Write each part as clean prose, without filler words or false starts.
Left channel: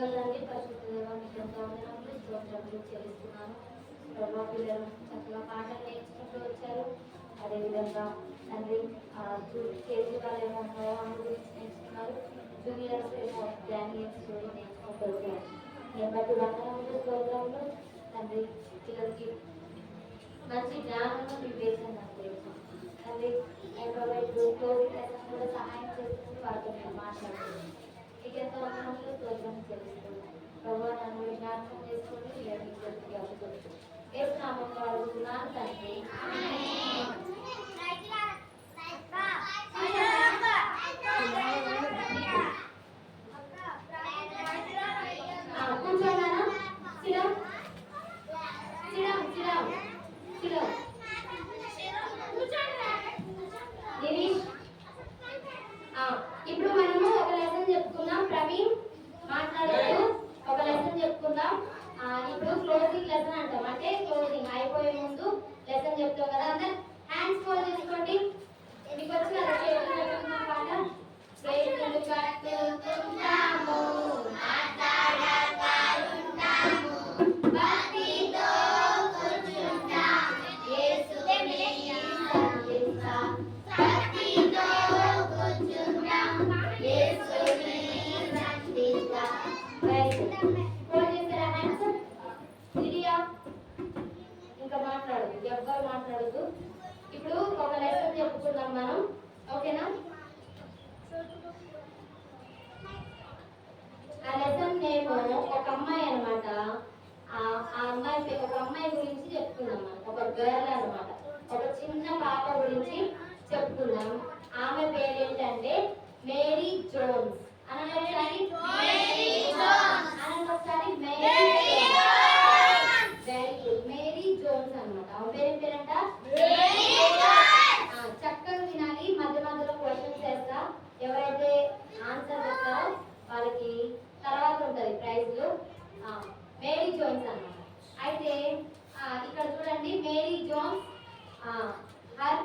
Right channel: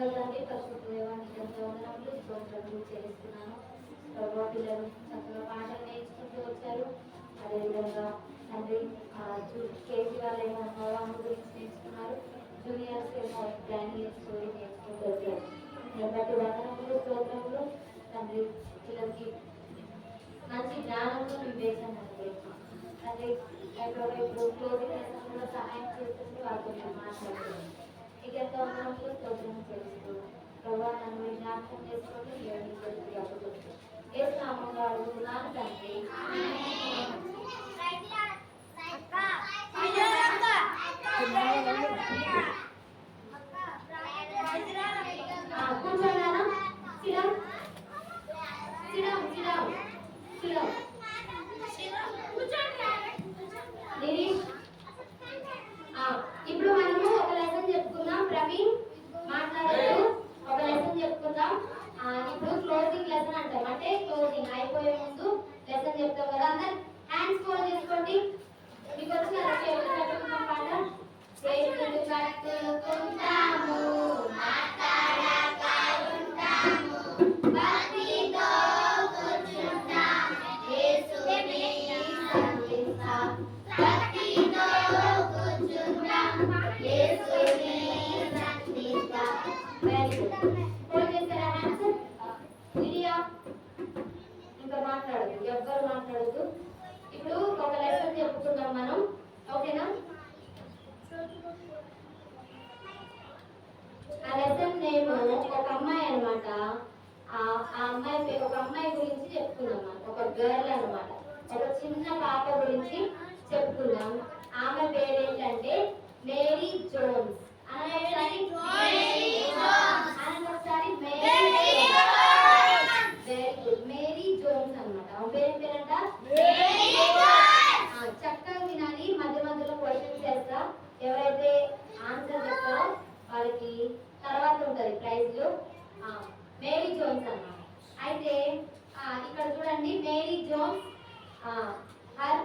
దయగలదండి పరిశుద్ధ దేవానికి ఎంతో వందనములు స్తోత్రములు చెల్లిస్తున్నాను. ప్రభావ పిల్లలు చక్కగా పాటలు నేర్చుకుంటూ వచ్చారు. అదేవిధంగా తండ్రి కేజీ వాళ్ళేమో నోవాము గురించి నేర్చుకున్నారు. జూనియర్స్ ఏమో డానియల్ స్టోరీ నేర్చుకుంటూ వచ్చారు. నేను బట్టి వందనములు స్తోత్రములు తండ్రి. పిల్లలకి మంచి జ్ఞానము వివేచన తండ్రి. ఇప్పుడు క్లోజింగ్ లెసన్ కూడా సహాయం చేస్తుంది. వాళ్ళతో నేను మాట్లాడుతున్నాను. ఇక ఎంతో వందనములు స్తోత్రము చేస్తున్నాను. ప్రభావ నన్ను జ్ఞాపకం చేసుకొని పిల్లలకి అప్పుడుతుంది ఏ నామంలో అడుగుతున్నాను తండ్రి. కూర్చోగానా ఇప్పుడు మనము ఒక లెసన్ చెప్పుకుందాం. ప్రవీణ్ మాట్లాడుతూ ఒక లెసన్ చెప్పుకుందాం. ఇప్పుడు క్లోజింగ్ లెసన్ అంటాం. అంటే క్లోజింగ్ అయిపోయే ముందు లెసన్ చెప్తాం కదా. అందరు హ్యాండ్స్ ఫోల్డ్ చేసుకోండి. మీకు వచ్చి కదా చేతులు కట్టుకుందాం. పాట చేతులు కట్టుకుంటాము మాట్లాడతాము భక్తితో కూర్చుంటాం యేసుని సంధిస్తాం భక్తితో కూర్చుంటాం యేసుని సంధిస్తాం. ఇంకా మాట్లాడదు, ఎవ్వరు మాట్లాడదు. ఇప్పుడు ఒక లెసన్ చెప్పుకుందాం మనం, ఓకేనా? ఆ లెసన్ నేమ్ ఒక అమ్మాయి అనమాట. ఆ అమ్మాయి ఒక అమ్మాయి గురించి చెప్పుకుందాం మనం. ఒక గర్ల్ అనమాట, ఒక చిన్న పాప గురించి చెప్పుకుందాం. ఆమె పేరేంటంటే మేరీ జోన్స్. అనండి ఒకసారి మేరీ జోన్స్ అనమాట. ఆమె పేరేంట చక్కగా వినాలి. మధ్య మధ్యలో క్వశ్చన్స్ చేస్తా. ఎవరైతే ఆన్సర్ చెప్తారో వాళ్ళకి తర్వాత ఉంటది ప్రైజ్లు. మేరీ జోన్స్ అన్నమాట. అయితే ఇక్కడ చూడండి, Mary Jones her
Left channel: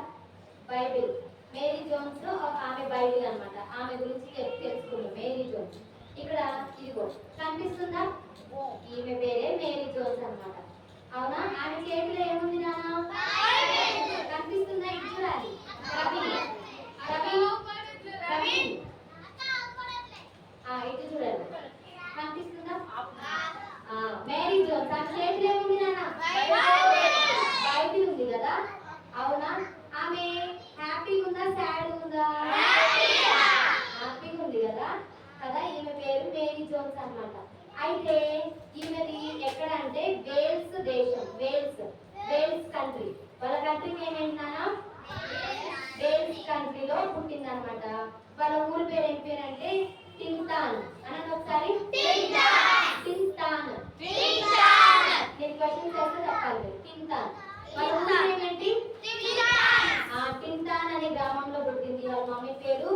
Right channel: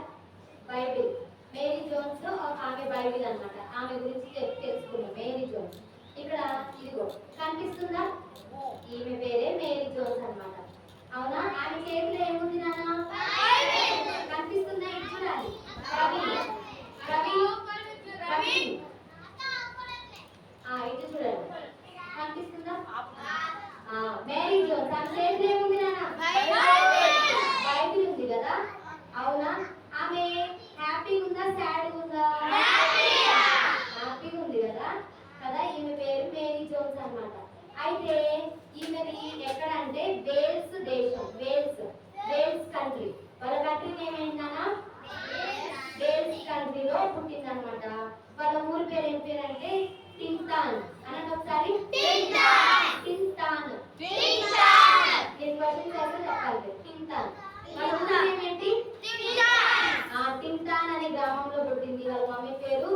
Bible. Mary Jones ఆమె బైబిల్ అన్నమాట. ఆమె గురించి తెలుసుకున్నాం. మేరీ జోన్స్ ఇక్కడ ఇదిగో కనిపిస్తుందా? ఈమె పేరే మేరీ జోన్స్ అన్నమాట. అవునా? ఆమె చేతిలో ఏముంది నాన్న? కనిపిస్తుందా? ఇది చూడాలి. ఇటు చూడండి, కనిపిస్తుందా? మేరీ జోన్స్ ఆమె చేతిలో ఏముంది నాన్న? బైబిల్ ఉంది కదా. అవునా? ఆమె హ్యాపీగా ఉందా సాడ్ ఉందా? హ్యాపీగా ఉంది కదా. ఈమె పేరు మేరీ జోన్స్ అన్నమాట. అయితే ఈమెది ఎక్కడ అంటే వేల్స్ దేశం. Wales country. వాళ్ళ కంట్రీ నేమ్ ఏంటన్నా? వేల్స్ కంట్రీలో పుట్టింది అనమాట. వాళ్ళ ఊరి పేరు ఏం పేరు అంటే టింటాన్. అనండి ఒకసారి. టింటాన్. నేను క్వశ్చన్ చేస్తే చెప్పాలి. టింటాన్. వాళ్ళ ఊరి ఏమేంటి? టింటాన్ అనే గ్రామంలో పుట్టింది. వాళ్ళ మమ్మీ పేరు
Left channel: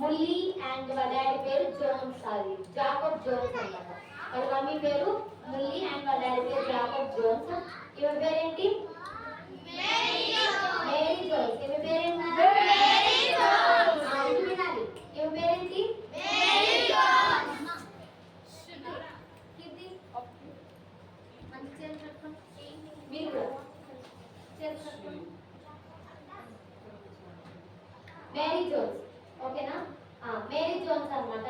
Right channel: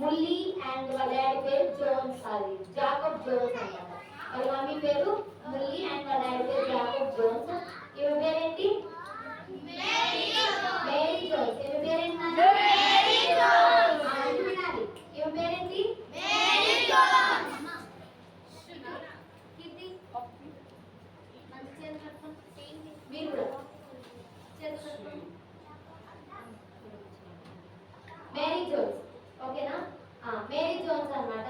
ముల్లి అండ్ వాళ్ళ డాడీ పేరు జోన్స్. అది జాకబ్ జోన్స్ అన్నమాట. వాళ్ళ మమ్మీ పేరు ముల్లి అండ్ వాళ్ళ డాడీ పేరు జాకబ్ జోన్స్. ఈమె పేరేంటి? Mary Jones. ఈమె పేరేంటి? వినాలి. ఈమె పేరేంటి? మంచి చేతులు కట్టుకోండి. మీరు కూడా చేతులు కట్టుకోండి. మేరీ జోన్స్, ఓకేనా? మేరీ జోన్స్ అన్నమాట.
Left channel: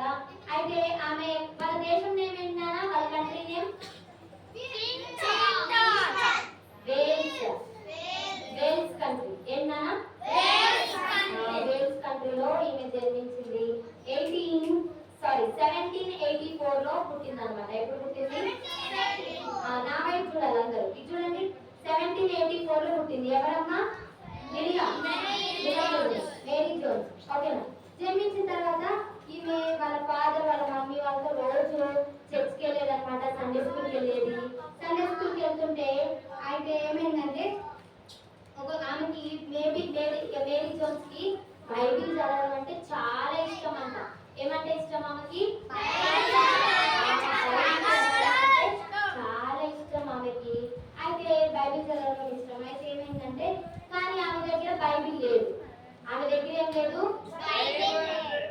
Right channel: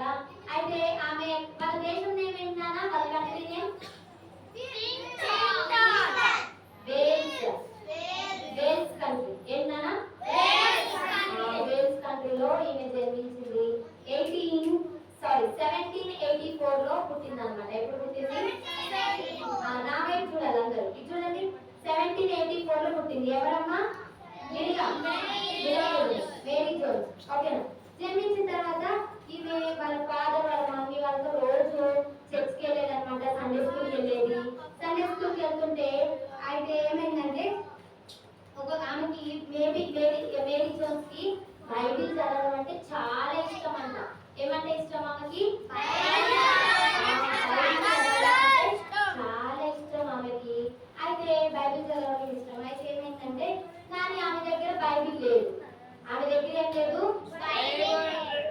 అయితే ఆమె వాళ్ళ దేశం నేమ్ ఏంటన్నా? వాళ్ళ కంట్రీ నేమ్ వేల్స్ కంట్రీ. ఏంటన్నా? వేల్స్ కంట్రీలో ఈమె జన్మించింది. 1784 లో పుట్టింది అనమాట. ఎప్పుడు పుట్టింది? నా వైపు చూడాలి అందరూ. ఇది చూడండి, 1784 లో పుట్టింది. ఎవరమ్మా? మేరీ జోన్స్, ఓకేనా? జన్మించిన తర్వాత ఈమె వాళ్ళ ఫాదర్ వాళ్ళ మమ్మీ వాళ్ళతో రోజు చర్చ్కి వెళ్ళేది అనమాట. సండే స్కూల్కి వెళ్ళేది. సండే స్కూల్కి వెళ్తుంటే అయితే ఏమైందంటే ఆమెకి మేరీ జోన్స్ కి బైబిల్ చదవడం అంటే చాలా ఇష్టం అంట. ఏమంటే ఇష్టం ఆమెకి? చాలా ఇష్టం ఆమెకి. అయితే బైబిల్ చదవడం ఇష్టం. అయితే ఏమైందంటే కానీ ఆమె దగ్గర బైబిల్ లేదు. ఆమె దగ్గర ఏం లేదు?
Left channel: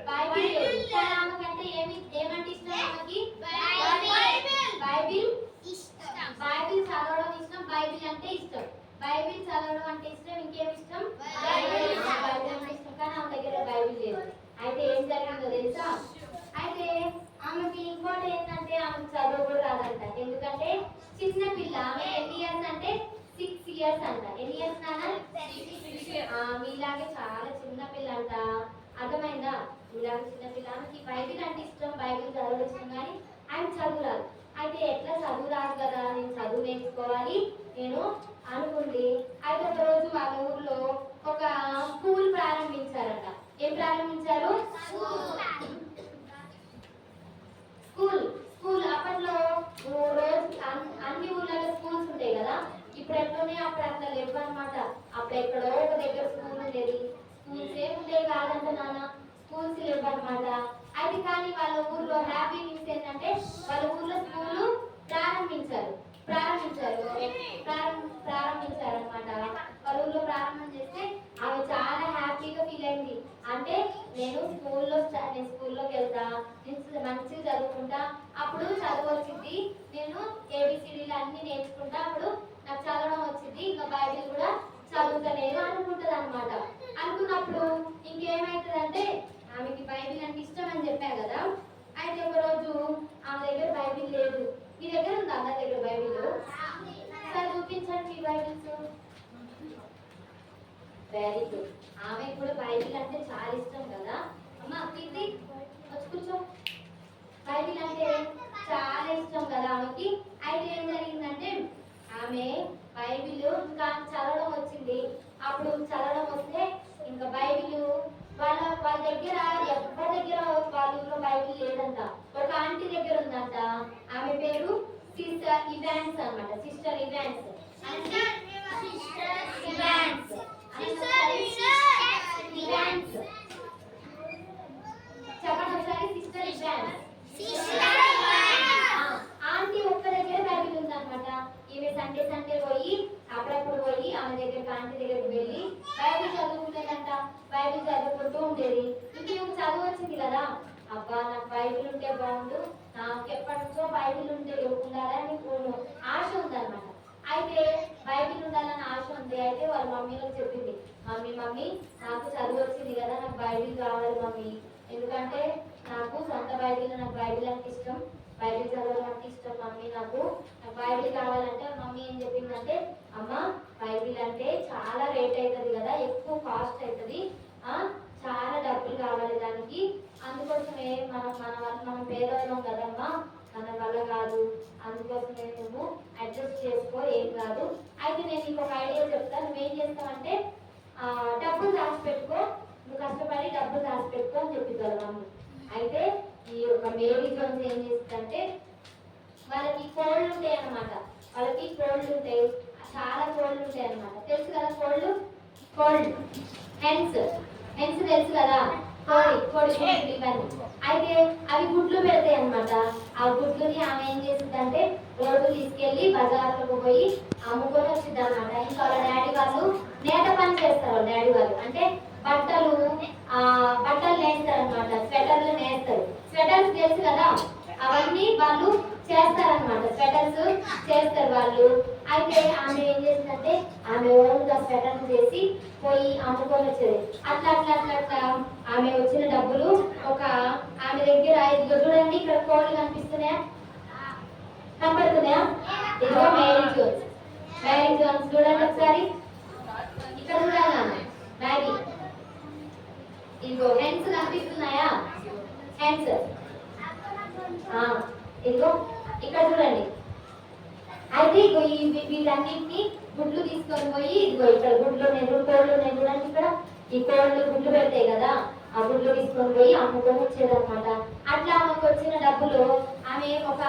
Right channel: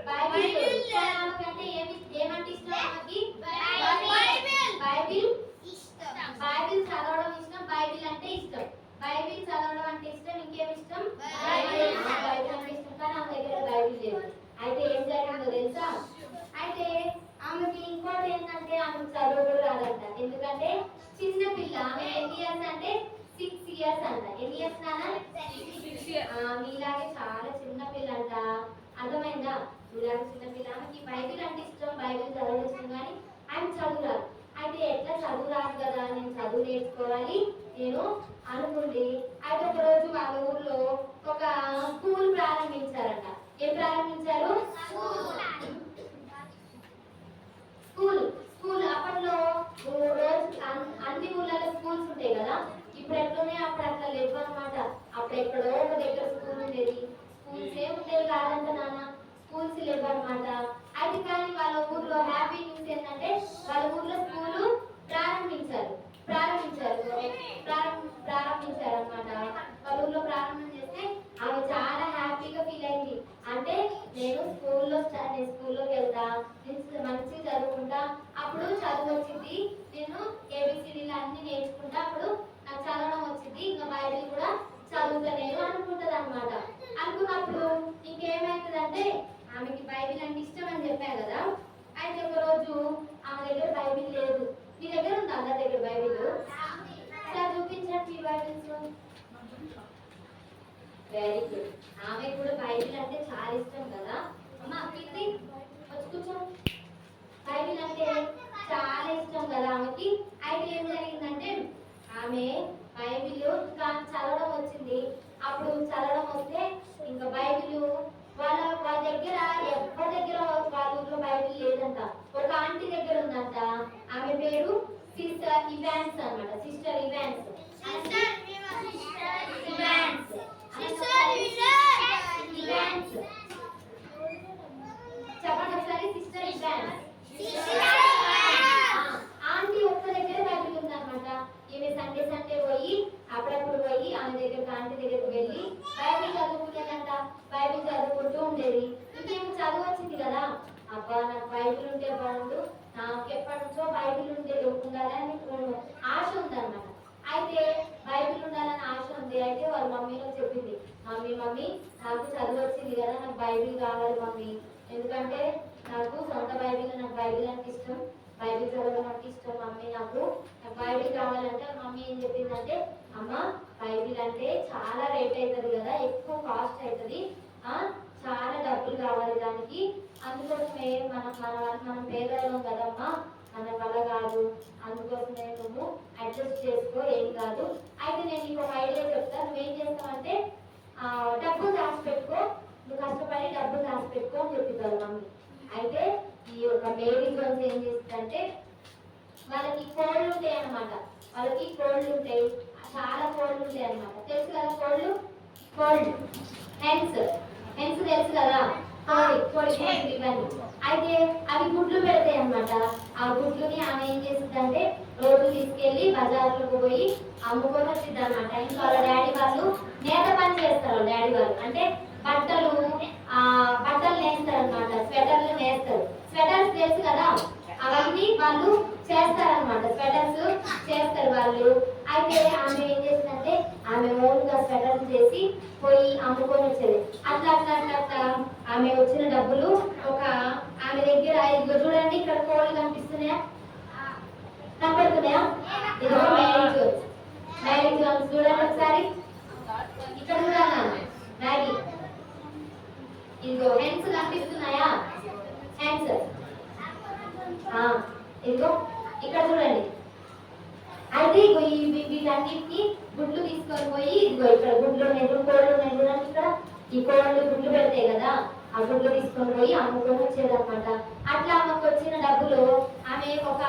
బైబిల్ లేదు. ఆమెకంటే ఏమంటే ఇష్టం? ఆమెకి ఇయర్స్ అంట. ఎన్ని ఇయర్స్ నాన్న? మీలాగే చాలా చిన్న పిల్ల అంట. అర్థమైందా? మీలాగే చిన్న పిల్ల. ఆమెకి బైబిల్ అంటే ఇష్టం, బైబిల్ చదవడం ఇష్టం, కానీ ఆమె చదువురాదు. అయితే ఎట్లా చదువు రాదు కదా, నేను చదువు నేర్చుకోవాలి నేను అనుకుంది. అయితే ఒక రోజు వాళ్ళ ఊర్లో ఒక స్కూల్ ప్రారంభించారట. ఏం ప్రారంభించారు? స్కూల్. స్కూల్ అప్పట్లో రోజు అన్ని ఊర్లలో స్కూల్స్ ఉంటాయి కదా. ఇప్పుడు ఎట్లనే అప్పుడు అట్లా లేవు అనమాట. అప్పుడు ఎక్కడో ఒక దగ్గర స్కూల్ ఉండేది. స్కూల్స్ ఏముండేవి కాదంట నాన్న, స్కూల్స్ లేవు అనమాట. అయితే కానీ వాళ్ళ ఊర్లో హ్యాపీ న్యూస్ ఏంటంటే వాళ్ళ ఊర్లో స్కూల్ ప్రారంభించారు అనమాట. వాళ్ళ ఊర్లో ప్రారంభం చేస్తే ఆమె చాలా హ్యాపీగా ఫీల్ అయింది. అంటే నేను స్కూల్లోకి వెళ్తా, నేను మంచిగా చదువుకుంటా, అప్పుడు చదువు వచ్చింది, నేను ఏబిసిడీలు అన్ని నేర్చుకుంటా, అప్పుడు నాకు చదవడం వచ్చింది, ఇంకా బైబిల్ కూడా చదువుతా నేను అనుకుంటది అనమాట. అనుకున్నప్పుడు ఇంకేమైతుందంటే ఆమెకి బైబిల్ అంటే ఇష్టం అని చెప్పాను కదా. అయితే ఒక రోజు ఆమె దగ్గర బైబిల్ లేదు. మీ దగ్గర ఉందా అందరి దగ్గర బైబిల్? సార్ చూపించండి మీ బైబిల్స్. Very good. ఆమె కూడా బైబిల్ అంటే చాలా ఇష్టం కదా. అమ్మ కీర్తి వచ్చి కూర్చో. బైబిల్ అంటే చాలా ఇష్టం కదా ఆమెకి. అయితే ఏం జరిగిందంటే ఆమె బైబిల్ ఇంకా చదవడం వచ్చింది. అప్పుడు చదవడం వస్తే ఇంకా బైబిల్ వాళ్ళ దగ్గర ఎవరి దగ్గర వాళ్ళ ఊళ్ళో బైబిల్ లేదంట. ఒక ఆంటీ దగ్గర ఉందంట. ఆమె పేరు సిస్టర్ ఇవాన్స్ అనమాట. సిస్టర్ ఇవాన్స్ అంటే ఇవాన్స్ చెప్పండి ఒకసారి. Sister Evans. ఆంటీ ఒక్క దగ్గర బైబిల్ ఉందన్నమాట. ఈమె సండే సండే పోయి అప్పుడప్పుడు పోయి ఆమె దగ్గర ఆంటీ దగ్గరికి వెళ్ళి బైబిల్ చదువుకుంటుందంట. బైబిల్ చదువుకుంటూ ఉండేది. ఇంకేమో చదువు వచ్చింది కదా, అబ్బా నాకు బైబిల్ ఉంటే బాగుండు, నాకు ఎప్పటి నుంచో బైబిల్ ఉండాలని ఆశ ఉందన్నమాట. అయితే బైబిల్ ఉండాలని ఆశ ఉంది. అయితే వాళ్ళ మమ్మీలో చెప్పింది, మమ్మీ నాకు చదువు వచ్చింది కదా, నాకు బైబిల్ కావాలి మమ్మీ, ఎందుకంటే నాకు సొంత బైబిల్, నాకు బైబిల్ అంటే ఇష్టం, బైబిల్ చదవడం అంటే ఇష్టం మమ్మీ, నాకు బైబిల్ కావాలంటే మమ్మీ ఏం చెప్పిందంటే, అమ్మ బైబిల్ అంటే చాలా రేట్ అవుతుంది కదా, ఎక్కువ కాస్ట్ అవుతుంది, చాలా డబ్బులు కావాలి దానికి, అందుకోసమే మనం పేదవాళ్ళం కదమ్మా, మన వల్ల కాదు, అందుకోసమే నువ్వు అడ్జస్ట్ చేసుకో, ఏం కాదు. అయితే నేను ఇంకొక ఐడియా చెప్తాను. నువ్వేం చేస్తావంటే డబ్బులు దాచిపెట్టుకో, నువ్వు కష్టపడి డబ్బులు దాచిపెట్టుకో అని చెప్తారు మమ్మీ. అయితే ఈ యొక్క మేరీ జోన్స్ ఏం చేస్తుందంటే వాళ్ళకి కోళ్ళు ఉంటాయి అన్నమాట. వాళ్ళకి కోళ్ళు ఉంటాయి, చాలా కోళ్ళు ఉంటాయి అన్నమాట. తెలుసు కదా కోళ్ళు హెన్స్ తెలుసు కదా, కోడి ఇవన్నీ. అయితే అవి గుడ్లు పెడతాయి అన్నమాట. ఆ గుడ్లుని ఆమె ఏం చేస్తుందంటే రోజు తీసుకెళ్లి బజార్లకు పోయి అమ్ముకొని వచ్చింది అనమాట. ఇంకా వాళ్ళ డాడీ వాళ్ళు నేత పని చేస్తారు. వాళ్ళ డాడీ వాళ్ళు అంటే బట్టలు నేస్తారు అనమాట. స్వెటర్లు నేస్తారు. స్వెటర్స్ తెలుసు కదా, అవన్నీ వాళ్ళు చేస్తారనమాట. స్వెటర్స్ చేస్తారు వాళ్ళు. అయితే ఆమె ఏం చేసిందంటే ఆమె ఓన్ గా స్వెటర్స్ చేసి పోయి అమ్ముకొని వచ్చేది. అట్లా ఆమె వచ్చిన డబ్బులు ఆమె దగ్గర, ఇదిగో చూడండి ఇక్కడ కోళ్ళు కనిపిస్తున్నాయా, కనపడుతున్నాయా? ఇదిగో మ్యారీ జోన్స్ చూడండి ఒకసారి. ఇక్కడ చూడాలి మ్యాగీ. ఇదిగో హెన్స్ కనిపిస్తున్నాయా? హెన్స్. ఇదిగో ఇక్కడ చూడండి. అయితే ఇగో వీటన్నిటిని గుడ్లు తీసుకొని పోయి, ఇదిగో ఇక్కడ కోళ్ళు చూడండి, ఇక్కడ ఈ కోళ్ళు గుడ్లు పెడతాయి కదా, ఆ గుడ్లు తీసుకొని పోయి అమ్ముకొని వచ్చేదన్నమాట. అట్లా ఆమెకు వచ్చిన డబ్బులు ఆమె ఒక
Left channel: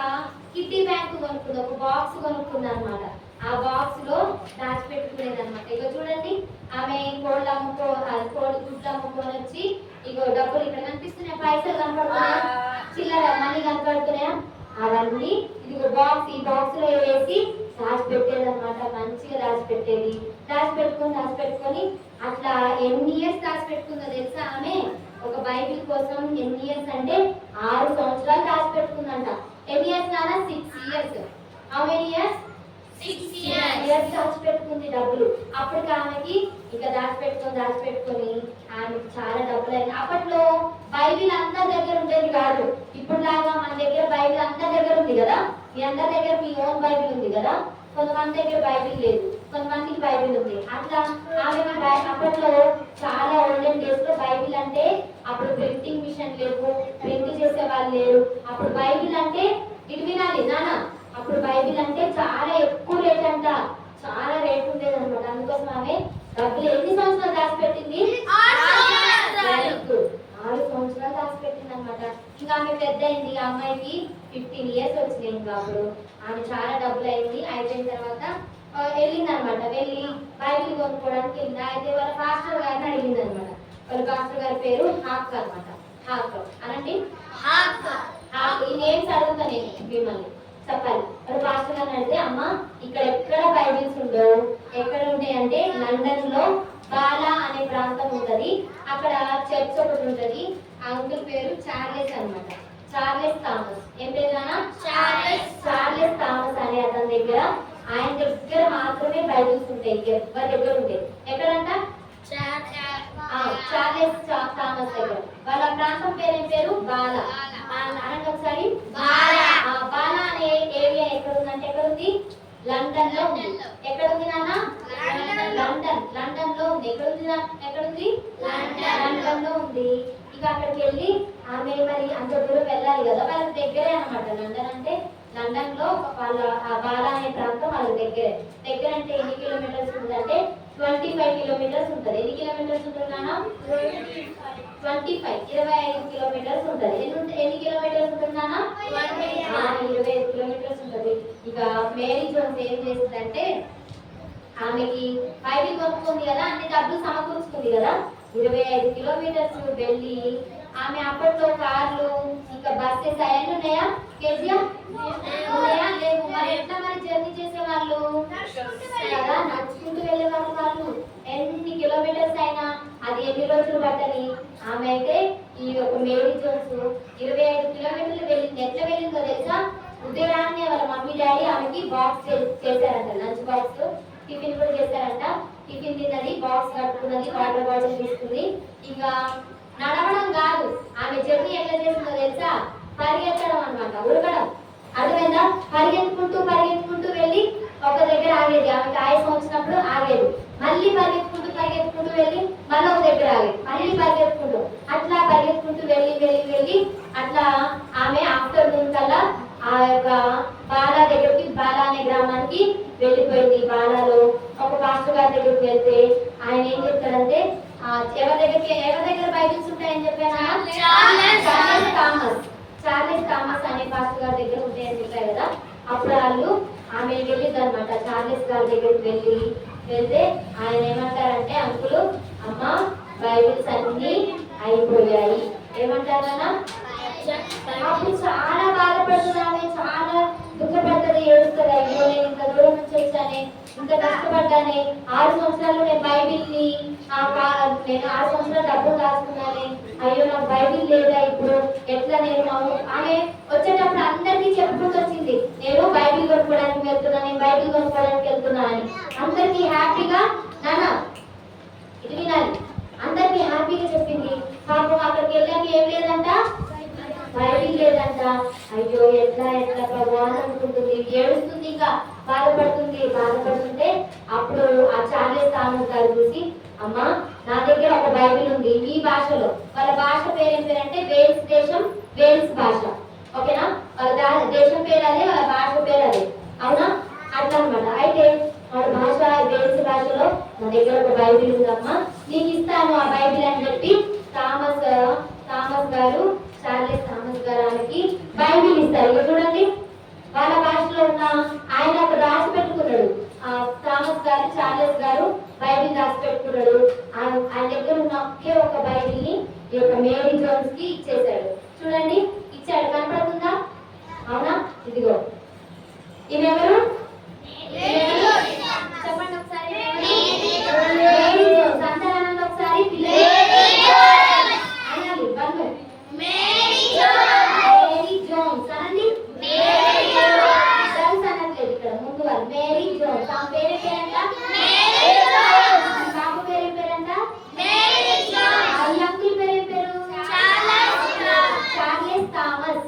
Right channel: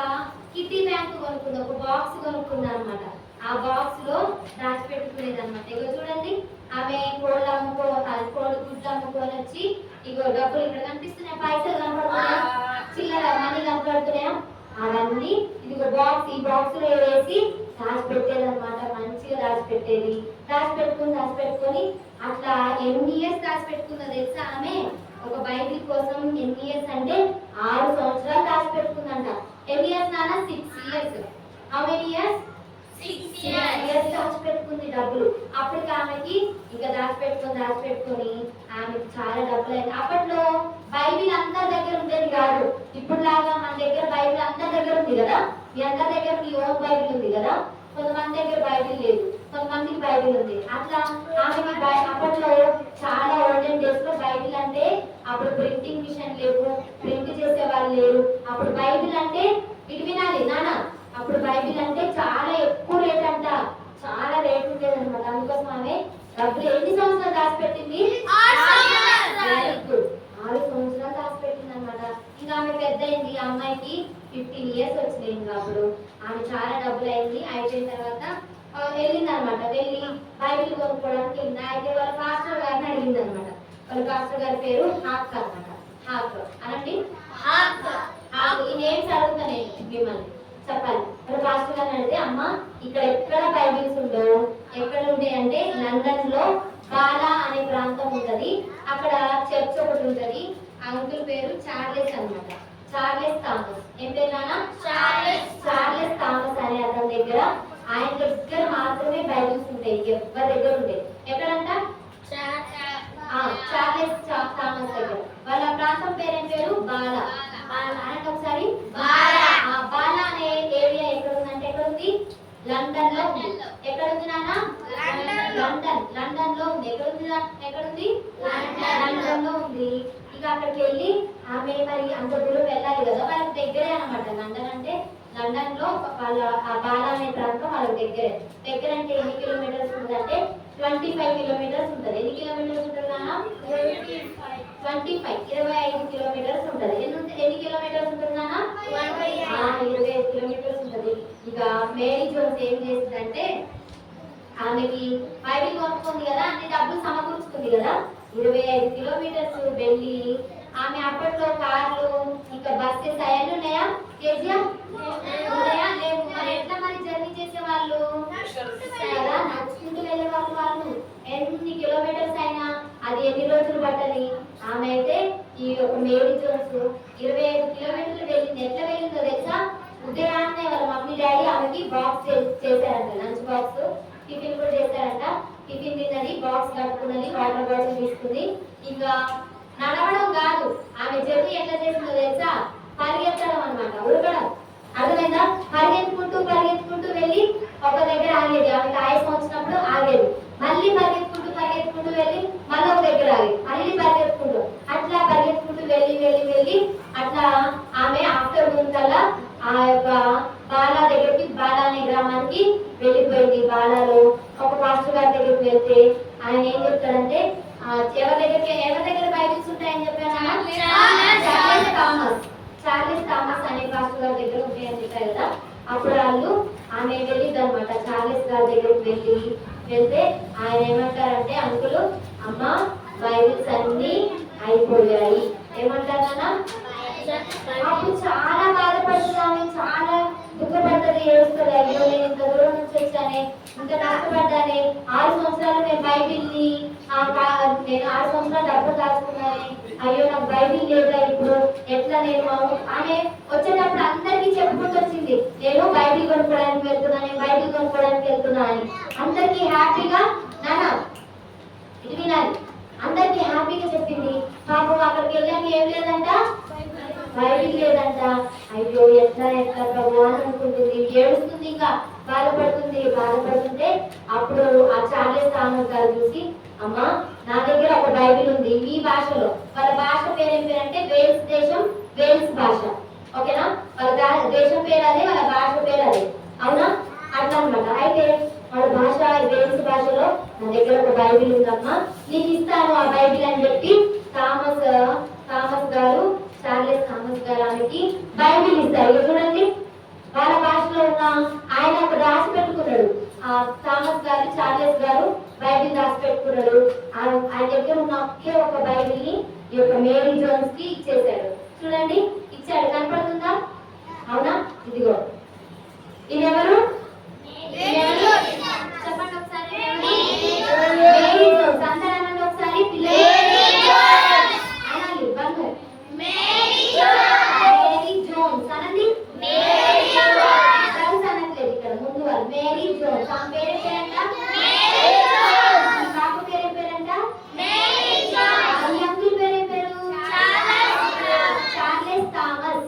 కిట్టి బ్యాంక్ కొనుక్కుంది, ఒక బాక్స్ కొనుక్కుంది అనమాట. ఆ బాక్స్ లో దాచిపెట్టుకునేది అనమాట. ఇగో చూడండి, ఆమె కోళ్ళు గుడ్లు అమ్ముకొని వచ్చి, ఇగో డబ్బులు ఇక్కడ కనిపిస్తున్నాయా, పైసలు కనపడుతున్నాయా, చిల్లర మనీ కనపడుతున్నాయా, అవన్నీ ఇదిగో ఈ బాక్స్ లో వేసి దాచిపెట్టేది అనమాట. మంచిగా దాచిపెట్టుకొని అట్లా ఎన్ని ఇయర్స్ దాచిపెట్టుకుందో తెలుసా ఆమె? ఒక బైబిల్ కోసం ఎన్ని ఇయర్స్ అంటే 6 సంవత్సరాలు దాచిపెట్టుకుందంట. ఎన్ని ఇయర్స్ నాన్న? 6 years. How many years? 6 years దాచిపెట్టుకుంది డబ్బులు. అప్పటికి ఆమెకి ఇక దాచిపెట్టుకొని ఆమెకి చాలా డబ్బులు అయింది. అప్పట్లో బైబిల్ అందరి దగ్గర ఉండేది కాదు. ఇప్పుడు లాగా మన దగ్గర బైబిల్ అందరి దగ్గర ఉంది కదా. మీ అందరి దగ్గర మీ ఓన్ బైబిల్ ఉంది కదా. కొంతమంది దగ్గర బైబిల్ లేదు, కొంతమందికి బైబిల్ ఉంది. అట్లా ఆమెకి అప్పట్లో చాలా ఓల్డెన్ డేస్ లో బైబిల్ అంటే అప్పుడు ప్రింటింగ్ మిషన్ లేవు, ప్రింట్ చేసే వాళ్ళు లేరు. అప్పుడు బైబిల్ అంటే ఇటు వినాలి నాన్న, అప్పుడు బైబిల్ అంటే చాలా ఎక్కువ రేట్ అంట, చాలా రేట్ ఉండేది అనమాట. అందుకోసం ఆమె డబ్బులు ఎన్ని సంవత్సరాలు దాచిపెట్టింది? 6 సంవత్సరాలు దాచిపెట్టింది అనమాట. ఇంకా ఆమె పెద్ద అయింది, ఆ అమ్మాయికి 15 years వచ్చినాయి. ఇంకా అప్పుడు ఆమె చాలా డబ్బులు అయింది. అయిపోయిన తర్వాత వెళ్ళింది అనమాట. వెళ్ళి బైబిల్ కొనుక్కోవడానికి వెళ్ళింది. అయితే వాళ్ళ పాస్టర్ గారిని అడిగింది అనమాట. వాళ్ళ పాస్టర్ గారి పేరు హాక్ అనమాట. హాక్ అనండి, ఈ నేమ్స్ అడుగుతా నేను మిమ్మల్ని చెప్పాలి. వాళ్ళ పాస్టర్ గారిని అడిగితే, అమ్మ ఇక్కడ ఎక్కడ బైబిల్స్ ఉండవు, ఎక్కడ ఉంటాయి అంటే లండన్ లో బాలా అనే ప్రాంతం ఉంటది, అక్కడ చర్చ్ ఒకటి ఉంటది. అంకుల్ పేరు చార్లెస్ అనమాట, చార్లెస్ థామస్. ఏం పేరు నాన్న? చార్లెస్ థామస్ అనే అతని దగ్గర, ఆయన దగ్గర మాత్రమే బైబిల్స్ ఉంటాయి, ఎవరి దగ్గర ఉంటాయి. ఎక్కడంట? చార్లెస్ థామస్ దగ్గర. వాళ్ళ ప్రాంతం పేరు ఏం పేరు? బాలా. అనంటే ఒకసారి బాలా అనే ఏరియా ఎక్కడ ఉందంటే, ఎక్కడ ఉంది? లండన్ లో ఉంది. ఎక్కడ ఉంది నాన్న? లండన్ లో ఉంది. ఎక్కడ ఉంది? లండన్ లో ఉంది. ఇక అక్కడికి వెళ్ళి ఆమె మరి అంత దూరం వెళ్ళాలి కదా, వాళ్ళకి దగ్గరే అనమాట. లండన్ అంటే లండన్ లో వాళ్ళ బాలా అనే ప్రాంతం వాళ్ళకి దగ్గర అంటే ఎన్ని కిలోమీటర్స్ ఉంటుంది అంటే 25 kilometers ఉంటుంది. ఎన్ని కిలోమీటర్స్ ఉంటుంది నాన్న? 25 kilometers ఉంటుంది. ఎన్ని కిలోమీటర్స్ ఉంటుంది నాన్న? 25 kilometers ఉంటుంది. ఇక మేరీ జోన్స్ ఏం చేస్తుందంటే, ఆమెకి బైబిల్ కొనుక్కుంది కదా, అన్ని డబ్బులు సమకూర్చుకుంది కదా, 25 kilometers వెళ్ళి ఆమె అప్పట్లో కార్లు ఇంకా బస్సెస్ అవన్నీ ఉన్నాయా? కేజీఎం ఉన్నాయా? లేవు. మరి ఎట్లా మరి జర్నీ చేసేవాళ్ళు కదా, నడుచుకుంటూ వెళ్ళే వాళ్ళు. ఎన్ని కిలోమీటర్స్ అయినా అది ఎన్ని రోజులు పట్టని. ఆమె అయితే ఈ ఒక మేరీ జోన్స్ 25 kilometers వెళ్ళింది. ఎట్లా వెళ్ళిందో తెలుసా? ఉదయాన్నే వాళ్ళ మమ్మీ డాడీ ఆమెకి బాక్స్ చేశారంట, లంచ్ బాక్స్, టిఫిన్ కూడా చేశారంట. టిఫిన్ తిన్నది, బాక్స్ కట్టుకున్నది, వాటర్ బాటిల్ తీసుకుంది. ఇంకా నడవడం కాదు, ఆమె జర్నీ ఎట్లా చేసిందో తెలుసా? పరిగెత్తడం అనమాట, ఉరకడం. అర్థమైందా? పరిగెత్తుకుంటూ వెళ్ళి ఒక దగ్గర ఆగేది. ఆమెకి ఆయాసం వచ్చినప్పుడు ఆగేది, మళ్ళీ పరిగెత్తుకుంటూ వెళ్ళి మళ్ళీ ఒక దగ్గర ఆగేది, మళ్ళీ పరిగెత్తుకుంటూ అట్లా పరిగెత్తుకుంటూ వెళ్ళి అట్లా ఆమె ఆఫ్టర్నూన్ కల్లా ఆ యొక్క బాలా దగ్గరికి, బాలా అనే గ్రామానికి వెళ్ళిపోయింది. బాలాలో ఒక పాస్టర్ గారి దగ్గరికి వెళ్తే ఆయన ఏం చెప్తాడంటే, ఎవరి దగ్గర బైబిల్స్ ఉంటాయని చెప్పాను? చార్లెస్ థామస్ అనే పాస్టర్ గారి దగ్గర ఉంటాయని చెప్పారు కదా. అప్పుడు వాళ్ళు ఆమె వెళ్ళింది అనమాట. చార్లెస్ గారి దగ్గరికి వెళ్తే ఆయన ఏమంటారంటే, అంకులు అమ్మ బైబిల్స్ అన్ని అయిపోయాయి. ఏమంటారా? అప్పుడు చాలా బాధపడుతుంది ఆమె, చాలా దుఃఖపడుతుంది, ఏడుస్తుంది. అయ్యో నేను ఇంత దూరం నుంచి వచ్చానే, ఇంత కష్టపడ్డానే, 6 సంవత్సరాలు నేను బైబిల్ని నేను 6 సంవత్సరాలు డబ్బులు దాచుకున్నానే, అయ్యో నాకు బైబిల్ లేదా ఇప్పుడు ఎట్లా. నేను ఆమె వచ్చేటప్పుడు అందరికీ చెప్పుకుంటూ వచ్చింది, నేను బైబిల్ కొనుక్కోవడానికి వెళ్తున్నా అని. అందరికీ హ్యాపీగా నాన్న ఇది వినాలి, అందరికీ హ్యాపీగా చెప్పింది. పాపం అక్కడికి వెళ్ళాక ఏం లేదంట, బైబిల్ లేదంట. అయ్యో ఎట్లా ప్రభు అని అనుకుంటుంది, ఏడుస్తుంది, ఇంకా బాధపడుతుంటే అప్పుడు ఆ చార్లెస్ థామస్ గారు చూసి, అమ్మా నా దగ్గర ఒక బైబిల్ ఉంది మీ భాషలో. వాళ్ళ భాష పేరు ఏం పేరంటే వేల్స్ భాష. ఓకేనా? వాళ్ళ దేశం పేరు అదే, వాళ్ళ భాష పేరు అదే. అవునా? అట్లా అనమాట. అయితే వాళ్ళ భాష వేల్స్ భాషలో, నా దగ్గర ఒక బైబిల్ ఉందమ్మా, నీకు ఇస్తాను ఆ బైబిల్ అని చెప్పి చార్లెస్ థామస్ గారు ఆమెకి బైబిల్ ఇస్తారు. చూడండి, వాళ్ళ భాషలో ఉన్న ఆయన ఒక రాసి పెట్టుకున్నాడు. చార్లెస్ గారు బైబిల్ రాసి పెట్టుకున్నాడు. ఆయన దగ్గర ఉన్న ఒకే ఒక బైబిల్ ని ఈ యొక్క మేరీ జోన్స్ కి ఇచ్చేసాడు. చూడండి, ఇచ్చాడు, కనపడుతుందా? అవునా? ఇదిగో, ఇదెవరు? చెప్పండి ఒకసారి, మేరీ జోన్స్. అందరూ ఒకసారి పిల్లలు అనాలి. మేరీ జోన్స్ అనండి. జోన్స్ అనట్లేదు ఇక్కడ, ముందు వాళ్ళు మేరీ జోన్స్. ఆమె పేరు పేరంట పాప పేరు పేరంట అంకుల్ పేరు పేరు చార్లెస్ థామస్.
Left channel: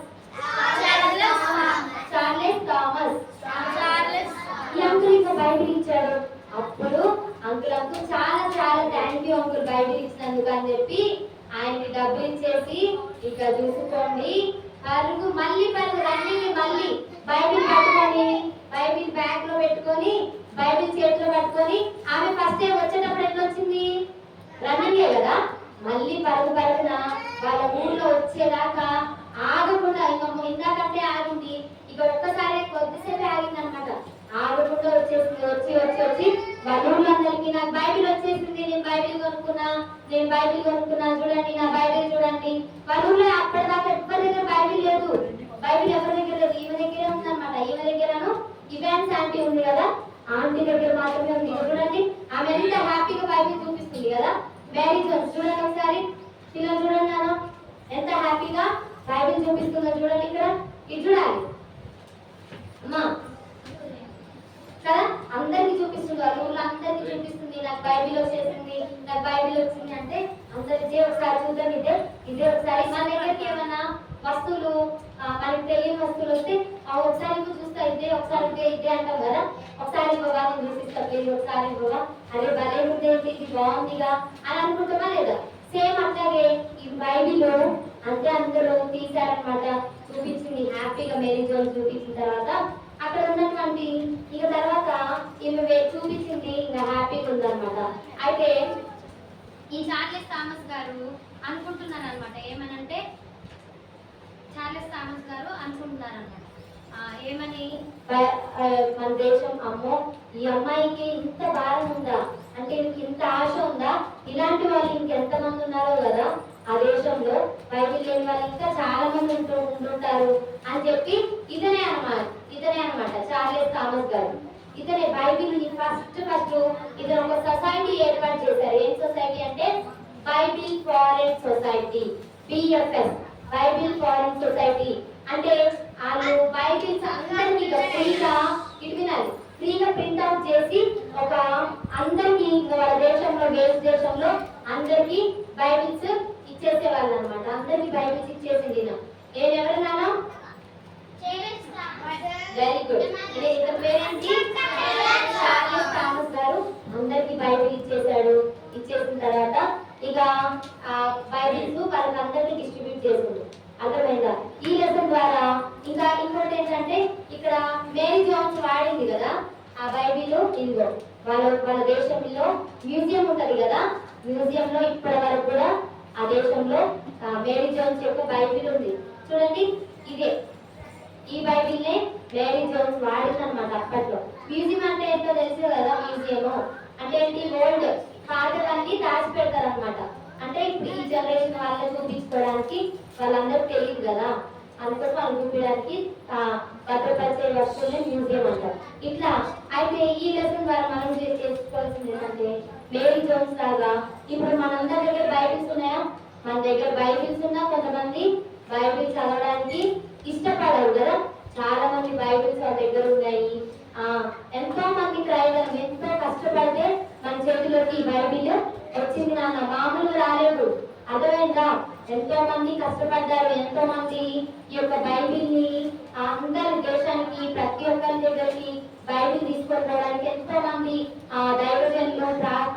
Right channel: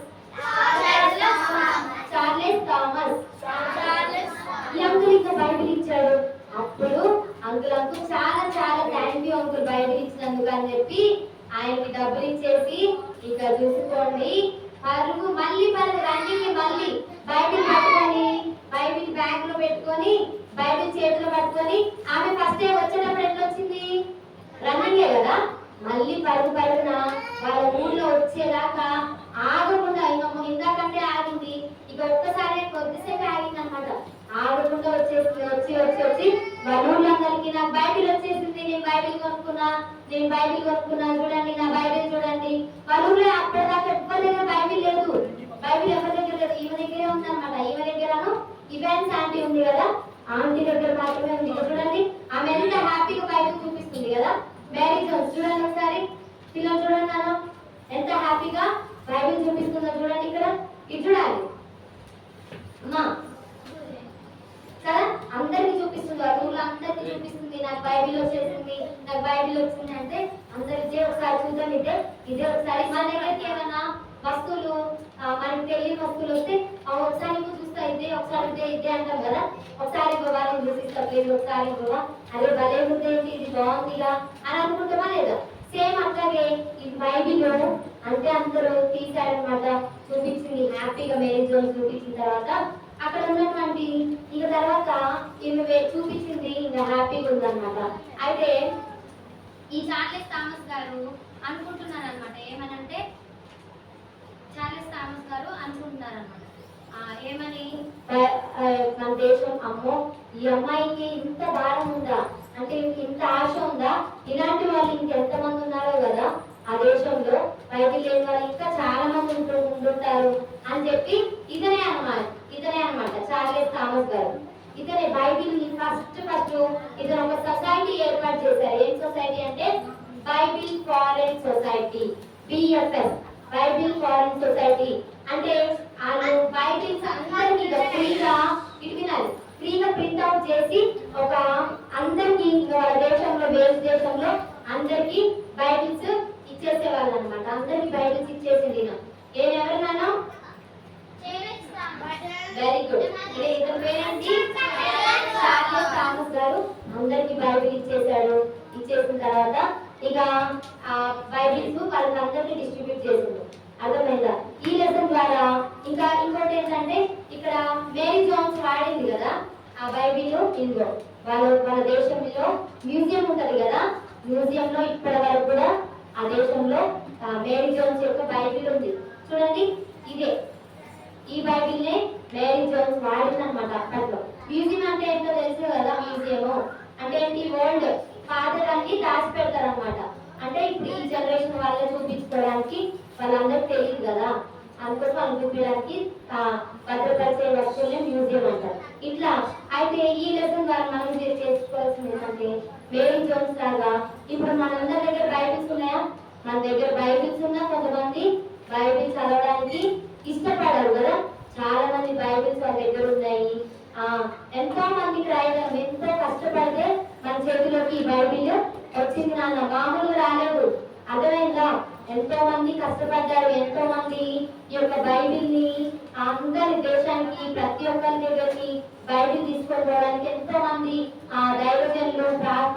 అని చెప్పి ఆయనకి డబ్బులు ఇచ్చేసి ఇక చూసుకోండి పరుగు మళ్ళీ పరుగు రన్నింగ్ మళ్ళీ బైబిల్ పట్టుకొని బైబిల్ బ్యాగ్ లో పెట్టుకొని బైబిల్ చేతిలో పట్టుకొని ఆమె ఫస్ట్ టైం వచ్చేటప్పుడు ఎట్లా వచ్చింది రన్నింగే కదా మళ్ళీ పరుగు పరుగున వాళ్ళ ఊళ్ళో వచ్చేదాకా ఆగకుండా ఇందాకంటే ఆగింది ఇక ఒక్కసారి కొద్దిసేపు ఆగింది అనమాట ఆగకుండా వచ్చేసింది వచ్చి వచ్చి వచ్చి వాళ్ళ ఊళ్ళో అందరికి నాకు బైబిల్ వచ్చేసింది నేను బైబిల్ కొనుక్కున్నా చూడండి నా బైబిల్ చూడండి వాళ్ళ ఊళ్ళో అప్పటిదాకా ఎవరి దగ్గర బైబిల్ లేదు బైబిల్ ఎవరి దగ్గర లేదు ఈమె దగ్గరే ఉంది అనమాట ఈమె దగ్గరను ఇవాన్స్ ఆంటీ ఉంది కదా ఆంటీ దగ్గర మాత్రమే ఉంది చూడండి ఆమె ఎంత హ్యాపీగా బైబిల్ చూపిస్తుంది కదా మేరీ జోన్స్ చూడండి ఒకసారి పిల్లలు చూడండి నాన్న ఎంత హ్యాపీగా బైబిల్ చూపిస్తుందో చూడండి ఇక్కడ ఇది చూడాలి అమ్మా కదా అందరికి చూపిస్తుంది వాళ్ళ ఊళ్ళో అందరికి చూపిస్తుంది నాకు బైబిల్ వచ్చేసింది నాకు బైబిల్ వచ్చింది అంటే అందరు ఇదే ఒకసారి చూద్దాం ఇదే ఒకసారి మన దగ్గరికి ఏమైనా వస్తువులు మనకి తెలియని వస్తువులు వస్తే ఒకసారి ఇంకో చూస్తా ఇదే ఒకసారి ఇదే అంటాం కదా ఒకసారి బాబా నేను చూపిస్తలేదు ఒకసారి బాబా అరే భలే ఉంది ఇది బాగుందిగా అని అనుకుంటామా లేదా సేమ్ అట్లాగే ఈ బైబిల్ అంటే అందరూ తీశారనమాట చూపించింది హ్యాపీగా మేరీ జోన్ చూపించిన తర్వాత అక్కడ ఉన్నటువంటి ఇక తర్వాత ఈమె చూపించింది ఇంకా హ్యాపీగా ఉందన్నమాట అయితే ఈ చార్లెస్ థామస్ గారు అనుకుంటున్నారు అనమాట ఏమనంటే చార్లెస్ థామస్ గారు అనుకుంటున్నారు అనమాట ఏమని మన దేశం అమ్మో ఈ అమ్మాయికి ఇంత భారం ఉందా అంటే ఇంత ఆశ ఉందా ఇలాంటి వాళ్ళు ఇంకెంతమంది ఉన్నారో కదా ఆ దేశంలో బైబిల్ లేని వాళ్ళు ఇంకా చాలా మంది ఉంటుంటారు అని చెప్పి ఇతనే అనమాట చార్లెస్ థామస్ గారు ఇతనే బైబిల్ ని ఫస్ట్ ఇతను ఒక సొసైటీ ఏర్పాటు చేశారు ఏం సొసైటీ అంటే Bible foreign society BFS Bible foreign society అంటే వాళ్ళు బైబిల్స్ అందరికీ ఫ్రీగా ఫ్రీగా ప్రింట్ అవుట్ చేసి ఒక అందరికి వాళ్ళ దేశంలో దేశంలో అందరికి బైబిల్స్ ఇచ్చేసేవాళ్ళు అనమాట అందరికి బైబిల్స్ ఇచ్చేసింది ఎవరు నాన్న వెరీ గుడ్ ఇతని పేరేంటి చార్లెస్ థామస్ గారు అందరికి బైబిల్ ఇచ్చేసిన తర్వాత ఇక బైబిల్స్ వాళ్ళకి అందరికి డిస్ట్రిబ్యూట్ చేసిండు అర్థమైందా ఈ లెసన్ ద్వారా ఇంకా ఇంకోటి ఏంటంటే ఇక్కడ మేరీ జోన్స్ వాడింది కదా ఆ బైబిల్ ఇదిగో వాళ్ళ దేశంలో మ్యూజియం ఉంటది కదా మ్యూజియంలో ఇప్పటి వరకు కూడా ఆ దేశంలో మేరీ జోన్స్ యొక్క బైబిల్ ఉంది చూడండి ఇదే ఈ బైబిల్ నే మేరీ జోన్స్ వాడింది అనమాట అప్పట్లో మ్యూజియం అంటే ఏంటో తెలుసు కదా మ్యూజియం అంటే ఏంటి ఓల్డ్ పాతలన్నీ దాచి పెడతారు అనమాట అంటే ఇప్పుడు ఈ జనరేషన్ వాళ్ళని చూపించుకోవడానికి వాళ్ళందరికీ తెలియదు కదా అందుకోసం వాళ్ళు చూపించడానికి భద్రపరిచే వస్తువులే మ్యూజియం అంటారు ఇట్లా అయితే ఈ లెసన్ ద్వారా మనం చేసుకోవాల్సింది ఏంటంటే మేరీ జోన్స్ లాగా ఇప్పుడు మనందరి దగ్గర బైబిల్స్ ఉన్నాయా మన దగ్గర బైబిల్స్ ఉన్నా కొంతమంది బైబిల్ చదవడానికి ఇష్టపడరు కదా చాలా మంది బైబిల్స్ వాళ్ళ దగ్గర ఉన్నాయి ఎంతో మంది ప్రయోజనం ఎంతో కష్టపడితే మన చేతిలోకి ఈ బైబిల్ వచ్చింది నాన్న మామూలుగా రాలేదు అర్థమైందా ఎంతో మంది కష్టపడ్డారు ఎంతో మంది ఈ యొక్క బైబిల్ ని అందరి దేశానికి ప్రతి ఒక్కరి దగ్గరికి బైబిల్ తీసుకొని పోవడానికి ఎంతో మంది దైవజనులు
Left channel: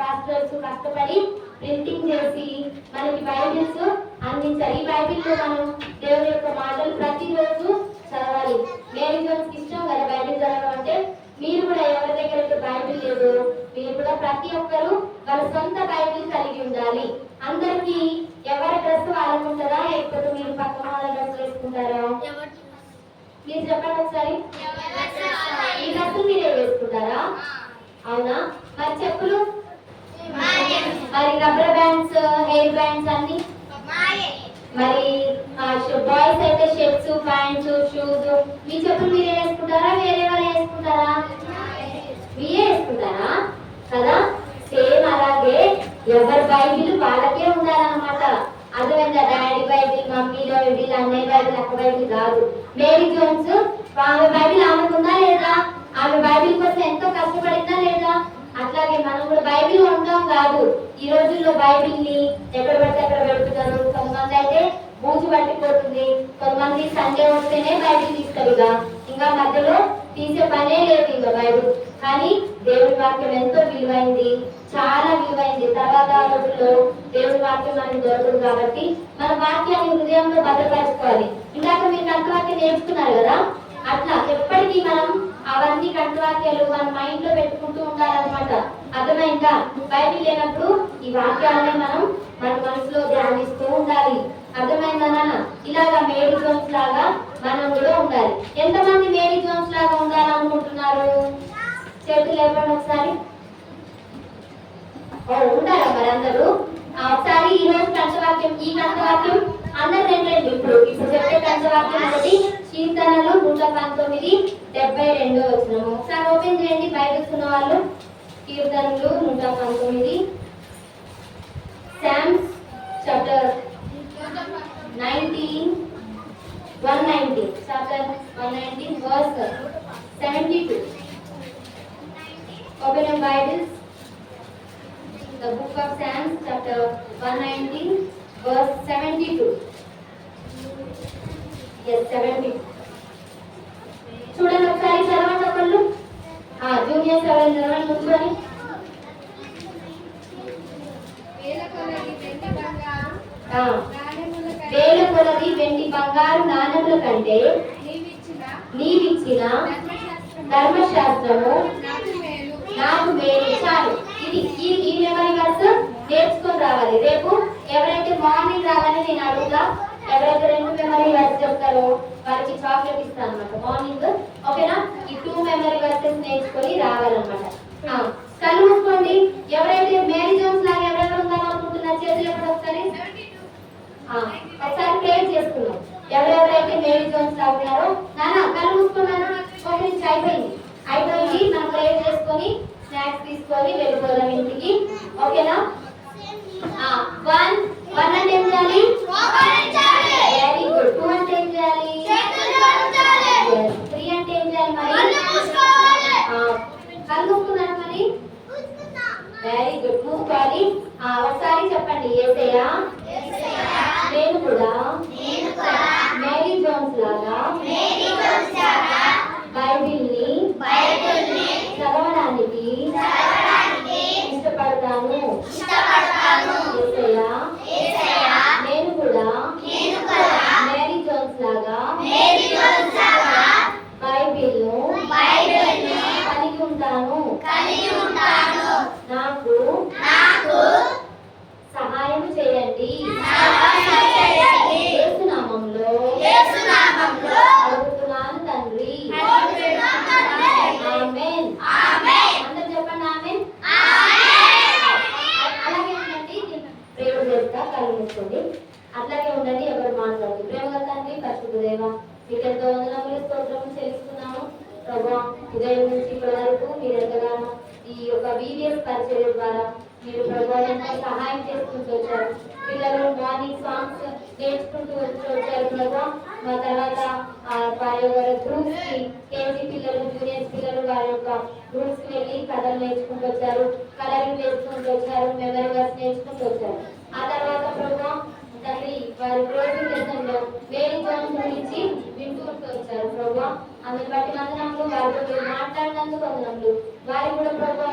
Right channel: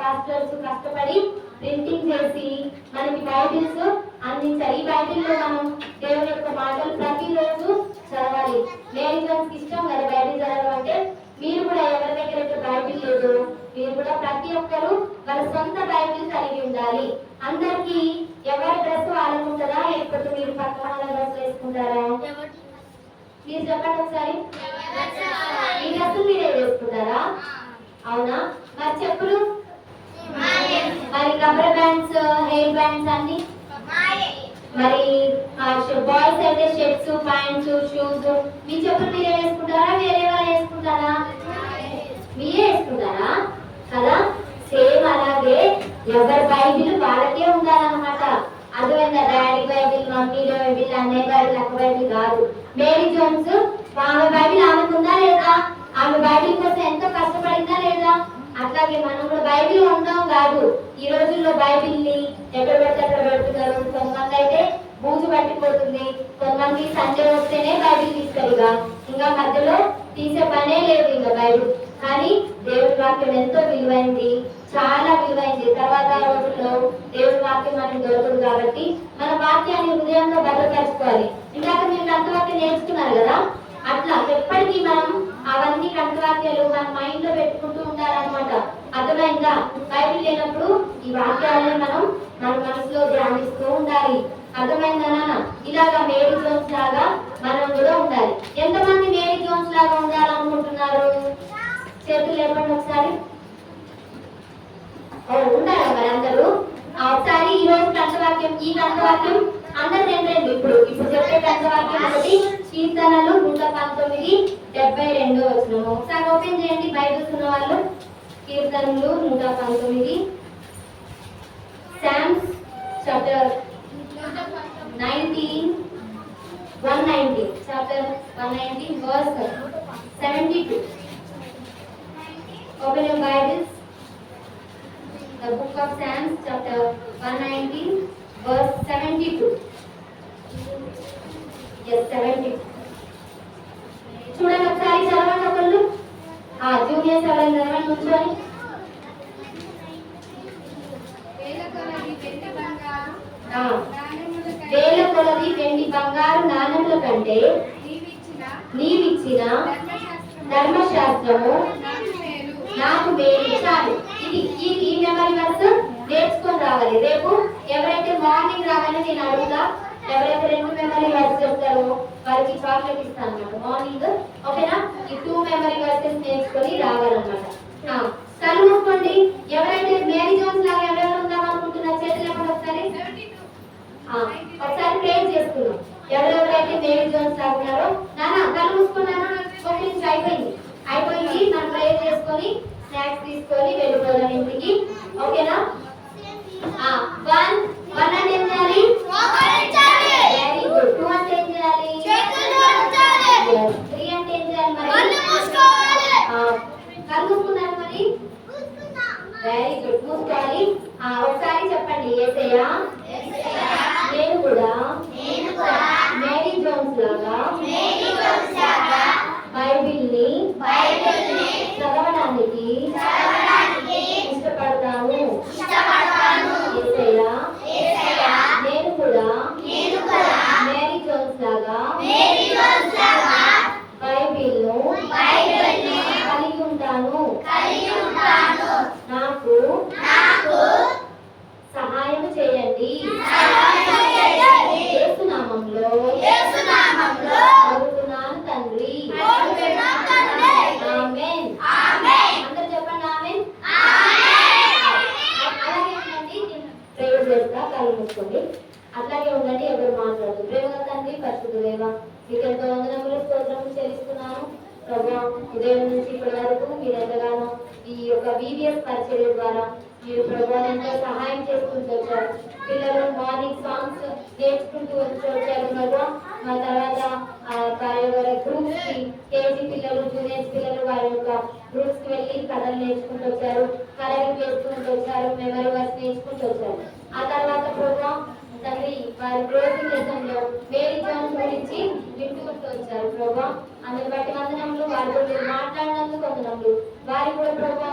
పాస్టర్స్ కష్టపడి ప్రింటింగ్ చేసి మనకి బైబిల్స్ అందించారు ఈ బైబిల్లో మనం దేవుని యొక్క మాటలు ప్రతిరోజు చదవాలి మేరీ జోన్స్ ఇష్టం కదా బైబిల్ చదవడం అంటే మీరు కూడా ఎవరి దగ్గర అయితే బైబిల్ లేదు మీరు కూడా ప్రతి ఒక్కరు వాళ్ళ సొంత బైబిల్ కలిగి ఉండాలి అందరికి ఎవరి డ్రెస్ వాళ్ళకు ఉంటుందా లేకపోతే మీరు పక్క వాళ్ళ డ్రెస్ వేసుకుంటారా మీరు చెప్పండి ఒకసారి ఈ డ్రెస్ మీరే వేసుకుంటారా అవునా మరి చెప్పులు మరి రబ్బర్ బ్యాండ్స్ హెయిర్ బ్యాండ్స్ అన్ని మరి బాయ్స్ అయితే షర్ట్స్ ప్యాంట్స్ షూస్ మీ చెప్పులు మీరే వేసుకుంటారా వేరే వాళ్ళు వేసుకుంటారా మీరే వేసుకుంటారా కదా సేమ్ అలాగే ఎవరి బైబిల్ వాళ్ళకే ఉండాలన్నమాట అర్థమైందా డాడీ బైబిల్ మమ్మీ బైబిల్ అన్నయ్య బైబిల్ అక్క బైబిల్ కాదు మేరీ జోన్స్ ఆమె బైబిల్ ఆమెకు ఉందా లేదా ఆమె బైబిల్ కోసం ఎంతో కష్టపడిందా లేదా అట్లాగే మనం కూడా బైబిల్ ఉందాం కాదు ఈ రోజుల్లో బైబిల్ ని ఎక్కడ పడితే అక్కడ పెడుతున్నారు కొంతమంది అయితే బూజు పట్టిపోతుంది కొంతమంది సండే వస్తేనే బైబిల్ తీస్తారు ఇంకా మధ్యలో తీసే పనే లేదు ఇంకా బైబిల్ కానీ దేవుని వాక్యం ఎంతో విలువైంది చాలా విలువైంది. తర్వాత రోజుల్లో దేవుడి వాక్యం మనకు దొరకదు కాబట్టి మన వాక్యాన్ని హృదయంలో భద్రపరచుకోవాలి. ఇందాక మీరు కంఠవాక్యం నేర్చుకున్నారు కదా, అట్లా ఎప్పటికీ మనం అవన్నీ కంఠవాక్యాలు మన మైండ్ లో పెట్టుకుంటూ ఉండాలన్నమాట. అర్థమైందా? బైబిల్ లేనప్పుడు ఈ వాక్యాలనే మనం మన మనసులో ధ్యానిస్తూ ఉండాలి. అర్థమైందా నాన్న? ఇలాగా మేరీ జోన్స్ లాగా మనం కూడా ఉండాలి. ఎంతమంది మేరీ జోన్స్ లాగా ఉండాలనుకుంటున్నారు? చేతులు లేపండి ఒకసారి. ఉండాలా మరి అందరూ? ఒకసారి ఈ రోజు కంఠవాక్యం, ఈ కంఠవాక్యం అందరు రండి. ఇప్పుడు చెప్పే కంఠవాక్యం ఒకటి కీర్తనలు 119:72 వచనము. ఒకసారి ఓపెన్ చేయండి బైబిల్స్ ఉన్న వాళ్ళు. కీర్తనలు 119, psalms chapter 119 verse 72. Open your Bibles. The book of Psalms chapter 119 verse 72. Yes, 70. చూడండి ఒకసారి చదవండి ఒకళ్ళు. జూనియర్స్ ఎవరైనా చదవండి కూర్చొని. వేల కొలది వెండి బంగారు నాణముల కంటే నీవిచ్చిన ధర్మశాస్త్రము నాకు మేలు. చాలు. ఈ మెమరీ వర్స్ నేర్చుకొని రావాలి. రేపు ఎవరైతే మార్నింగ్ రాగానే నేను అడుగుతా, ఎవరైతే 2 మెమరీ వర్స్ చెప్తారో వారికి చాక్లెట్ ఇస్తాను అన్నమాట మార్నింగ్. ఓకేనా? ఈ 2 మెమరీ వర్సెస్ నేర్చుకొని రావాలన్నమాట. కళ్ళు మూసుకోండి. ఎవరైతే మేరీ జోన్స్ లాగా ఎవరెవరు ఉందాం అనుకుంటున్నారు చేతులు ఎప్పుడు ఒకసారి ప్రేర్ చేసుకున్నాం. ఎవరెవరైతే మేరీ జోన్స్ లాగా ఉన్నారో నాన్న కళ్ళు మూసుకున్నాను. ఒక నిమిషం అయిపోయింది. మనం ప్రేర్ చేసుకొని స్నాక్స్ తీసుకొని వెళ్ళిపోదాం ఇంటికి. ఓకేనా? 1 అంటే ఏం చేయాలి? Very good. 2 అంటే ఏం చేయాలి? 3 అంటే ఏం చేయాలి? మరి కళ్ళు మూసుకున్నారు మరి. Very good. మూసుకోవాలి. ఒకసారి చెప్పండి. యేసయ్యా నేను కూడా మేరీ జోన్స్ లాగా బైబిల్ని చదవడానికి ఇష్టపడతాను. యేసయ్యా నేను కూడా మేరీ జోన్స్ లాగా బైబిల్ను కలిగి ఉంటాను. నాకు సహాయం చేయండి. యేసు నామములో అడుగుతున్నాను తండ్రి. ఆమేన్. అందరూ చెప్పండి ఆమేన్. అలాగే ఉండండి. ప్రేయర్ చేస్తా. కళ్ళు మూసుకోండి. అట్లాగే ఉండండి. ఎవరు మాట్లాడదు. ప్రేమగా తండ్రి, పరిశుద్ధ దేవ, మీకు ఎంతో వందనములు స్తోత్రములు చెల్లిస్తున్నాను ప్రభువా. ఉదయం నుంచి ఇప్పటి వరకు మీరు ఎంతగానో ఈ యొక్క VBS పరిచర్య ద్వారా మీరు ప్రభువా ఎంతో సహాయం చేసుకుంటూ వచ్చారు. పిల్లలు మార్నింగ్ సాంగ్స్ నేర్చుకుంటూ వచ్చారు ప్రభువా. మా తర్వాత వారి గ్రూప్స్ కి KG పిల్లలు, జూనియర్స్ పిల్లలు వారి యొక్క గ్రూప్స్ కి వెళ్ళి కథలు నేర్చుకుంటూ వచ్చారు, కలరింగ్ చేసుకుంటూ వచ్చారు, మెమరీ వర్స్ నేర్చుకుంటూ వచ్చారు. ఆ తర్వాత ప్రభువా తండ్రి వారి క్లోజింగ్ లెసన్ లో మేరీ జోన్స్ గురించి వింటూ వచ్చారు ప్రభువా. అందుని బట్టి వందనములు. వారితో మీరు మాట్లాడినందుకు వందనములు. వారికి కూడా ప్రభువా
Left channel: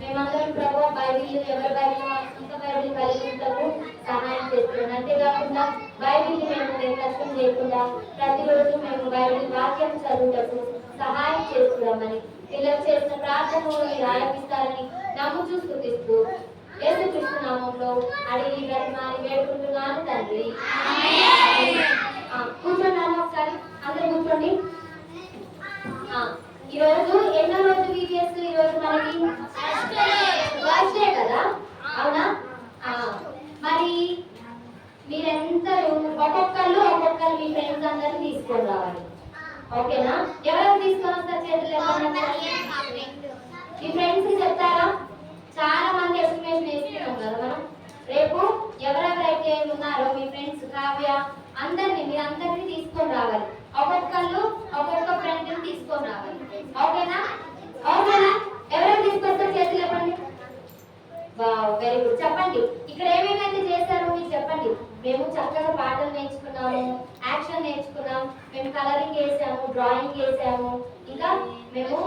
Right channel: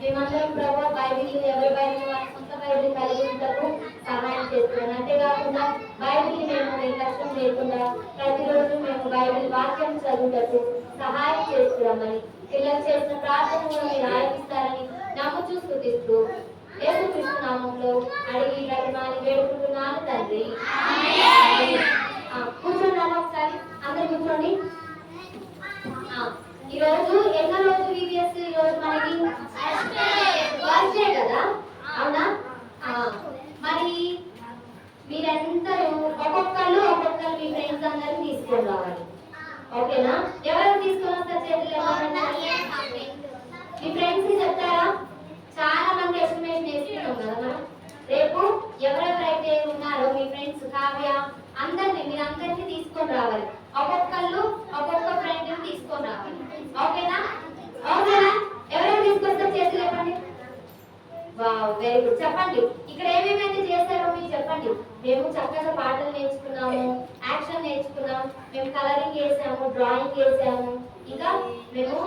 మేమందరం ప్రభువా బైబిల్ ఎవరి బైబిల్ వారి సొంత బైబిల్ కలిగి ఉంటాము సహాయం చేస్తున్నాను. అంతేకాకుండా బైబిల్ని మేము నిర్లక్ష్యం లేకుండా ప్రతిరోజు మేము బైబిల్ వాక్యం చదువుటకు సహాయం చేస్తున్నామని పిల్లలు చేసిన ప్రార్థనలు మీరు ఆలపిస్తారని నమ్ముచూ స్తుతిస్తూ యేసుక్రీస్తు నామములో అడిగి బ్రతిమాలి వేడుకుంటున్నాను తండ్రి. కూర్చోండి ఒకసారి. అందరు కూర్చోండి. ఈరోజు ఎన్నో రోజు VBS? ఈరోజు మనకి ఫస్ట్ డే కదా, అవునా? మరి మీరందరూ ఒక్కొక్కరు మీ ఫ్రెండ్స్ అందరినీ తీసుకొని రావాలి. ఓకేనా? ఎవరెవరు తీసుకొని వస్తారు చేతులు ఎవరైనా? మీ ఫ్రెండ్స్ కి చెప్తారా? చాలా మంది ఎస్టిమేషన్ వేస్తున్నాం కదా మనం. రేపు ఎవరెవరైతే ఉన్నారో మీ ఫ్రెండ్స్ కావ్య మీరందరినీ తీసుకొని రావాలి. ఒక్కొక్క ఫ్రెండ్ తీసుకొని రావాలి. ఓకేనా? ఎవరైనా తీసుకొస్తారు చేతులు చెప్పండి. Wow, very good. చెప్పండి ఇక్కడ ఏమేమైతే చేస్తారో మీరు చెప్పండి. మేము చక్కగా పాటలు నేర్చుకున్నాము, యాక్షన్ నేర్చుకున్నాం, మేము కలరింగ్ వేసాము, డ్రాయింగ్ వేసాము, ఇంకా మేము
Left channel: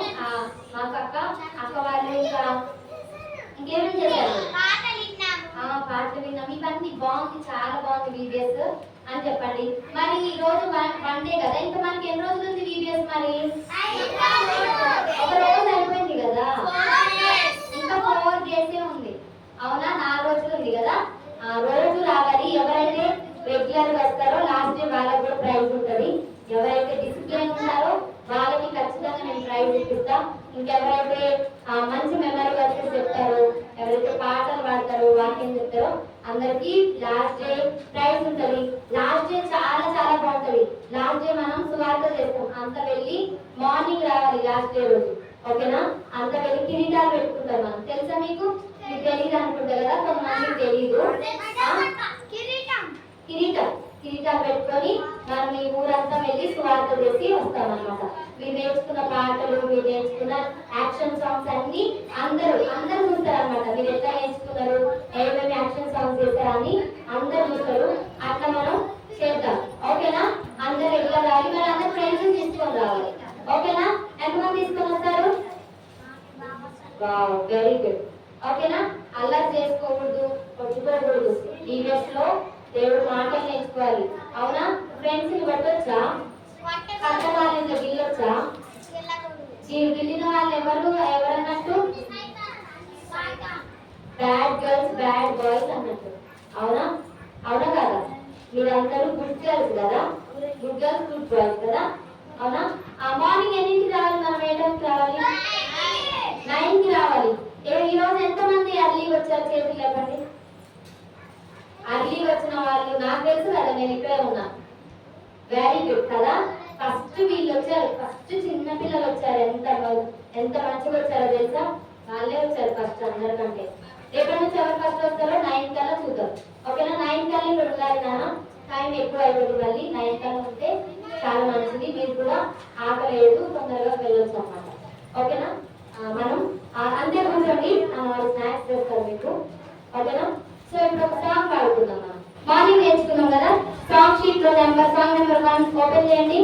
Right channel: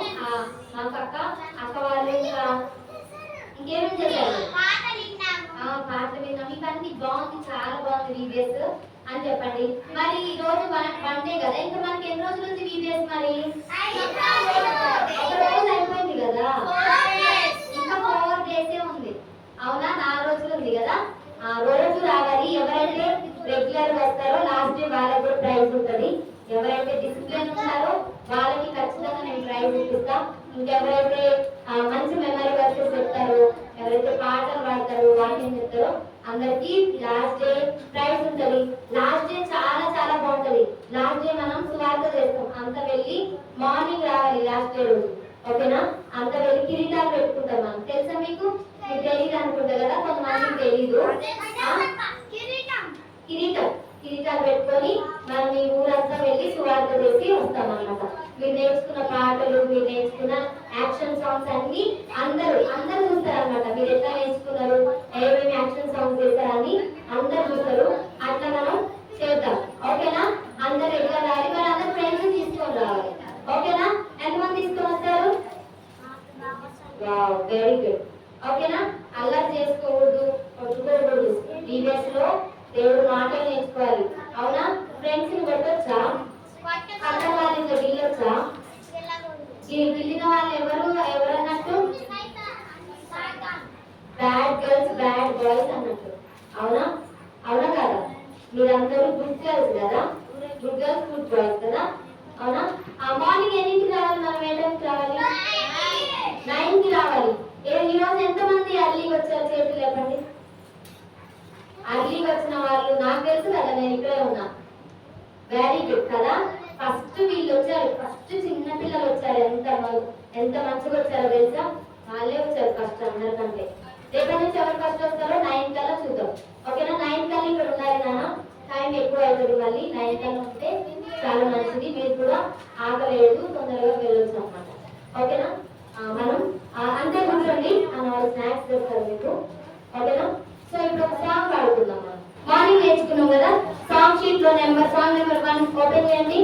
మాకు అక్క వాళ్ళు ఇంకేమేమి చేశారు? పాటలు విన్నాం. ఇవన్నీ బాగుంది, చాలా బాగుంది వీడియోస్ అని చెప్పండి. మరి ఈ రోజు వన్ డే కదా, ఇంకా మనకి ఎన్ని రోజులు ఉంది వీడియోస్? మరి ఒక రోజు అయిపోయింది కదా, ఇంకా 4 days ఉంది. అవునా? 4 రోజులు ఉంది కదా. రోజు రావాలి. ఎవరైతే రెగ్యులర్ వస్తారో లాస్ట్ డే వాళ్ళకి కూడా ప్రైజ్ ఉంటుంది. ఎవరైతే డిసిప్లిన్ ఉన్నారో వాళ్ళకి ఖచ్చితంగా నేను ప్రైజ్ ఇప్పిస్తా. ఇంకెవరైతే మంచి మెమరీ వర్సెస్ చెప్తారో, ఎవరైతే పాటలు పాడతారో, వాక్యం చెప్తారో అందరికి లాస్ట్ డే ప్రైజ్ ఉంటుంది. లాస్ట్ డే చాలా చాలా బాగుంటుంది. లాస్ట్ డే మనం సువార్త చేస్తాం. అంత వెళ్ళి మార్నింగ్ రావాలి లాస్ట్ డే రోజు. ఓకేనా? అంత వెళ్ళి కిరీటాలు పెట్టుకుంటాం మనం. తెలుసా మీకు? మీకు తెలియదు అనుకుంటా కదా, కొంతమందికి తెలీదు. కిరీటాలు పెట్టుకొని మనం ఈ ఊరంతా వెళ్ళి సువార్త చేసి వస్తాం అన్నమాట. మీరు నేర్చుకున్న పాటలు, మీరు నేర్చుకున్న యాక్షన్ సాంగ్స్ అన్ని అందరూ చూస్తారు అనమాట. మీరు ఎట్లా నేర్చుకున్నారు, ఏమేమి యాక్షన్ సాంగ్స్ చేస్తారని అందరు చూస్తారు. అట్లా మనం చేద్దాం. ఓకేనా? అందరు ఎట్లా రావాలి, మరి అందరు ఫ్రెండ్స్ తీసుకొని రావాలి. ఓకేనా? ఎంతమంది తీసుకొని వస్తారు? Very good. ఓకేనా? అల్లరి చేసుకోకూడదు, కొట్టుకోకూడదు. ఈవెంట్స్ లో దేవుడు మాటలు నేర్చుకోవాలి. అవునా? ఫ్రెండ్స్ ని కొట్టొచ్చా? పక్కన వాళ్ళ గిల్లొచ్చా? గిల్లిన వాళ్ళు ఎవరన్నట్టు? బ్యాడ్ గర్ల్స్, బ్యాడ్ బాయ్స్ అన్నట్టు. అవునా? అవునా కదా? మీరందరూ గుడ్ గర్ల్స్ కదా, గుడ్ గర్ల్స్, గుడ్ బాయ్స్ కదా. అవునా? మార్నింగ్ ఎన్నింటికి రావాలి? మనం ఏ టైంకి రావాలి? 9కి రావాలి. ఈ రోజు ఎంతమంది అర్లీకి వచ్చారు? చేతులు లేపండి. అర్లీకి వచ్చిన వాళ్ళు నాకు తెలుసు కదా, నేను ఇక్కడే ఉన్నా. వెరీ గుడ్ కదా. ఫస్ట్ వీళ్ళు వచ్చారు, ఫస్ట్ చిన్న పిల్లలు వచ్చారు. ఎంత మంచిగా వచ్చారో తెలుసా? వాళ్ళే వచ్చారు ఫస్ట్ అందరికంటే. రేపటి నుంచి ఎవరు ఫస్ట్ వస్తారో 9 కల్లా చూద్దాం. ఓకేనా? 9 కల్లా ఇక్కడ ఉండాలి నాన్న. టైం ఎక్కువ అవుతుంది, మళ్ళీ 9 కల్లా ఉంటే చాలా మంచిది. మీరు కూడా ఆకలేదు, తొందరగా వెళ్ళొచ్చు అన్నమాట. ఓకేనా? మనం అంతే కూర్చోండి అన్న వాళ్ళు స్నాక్స్ చేస్తారు మీకు. ఓకేనా? సో ఇప్పుడు ఒక సాంగ్ పాడుకుందాం. మనం మార్నింగ్ నేర్చుకున్నాం కదా. సాంగ్ షీట్ లో సాంగ్ నెంబర్ 1 ఓపెన్ చేయండి.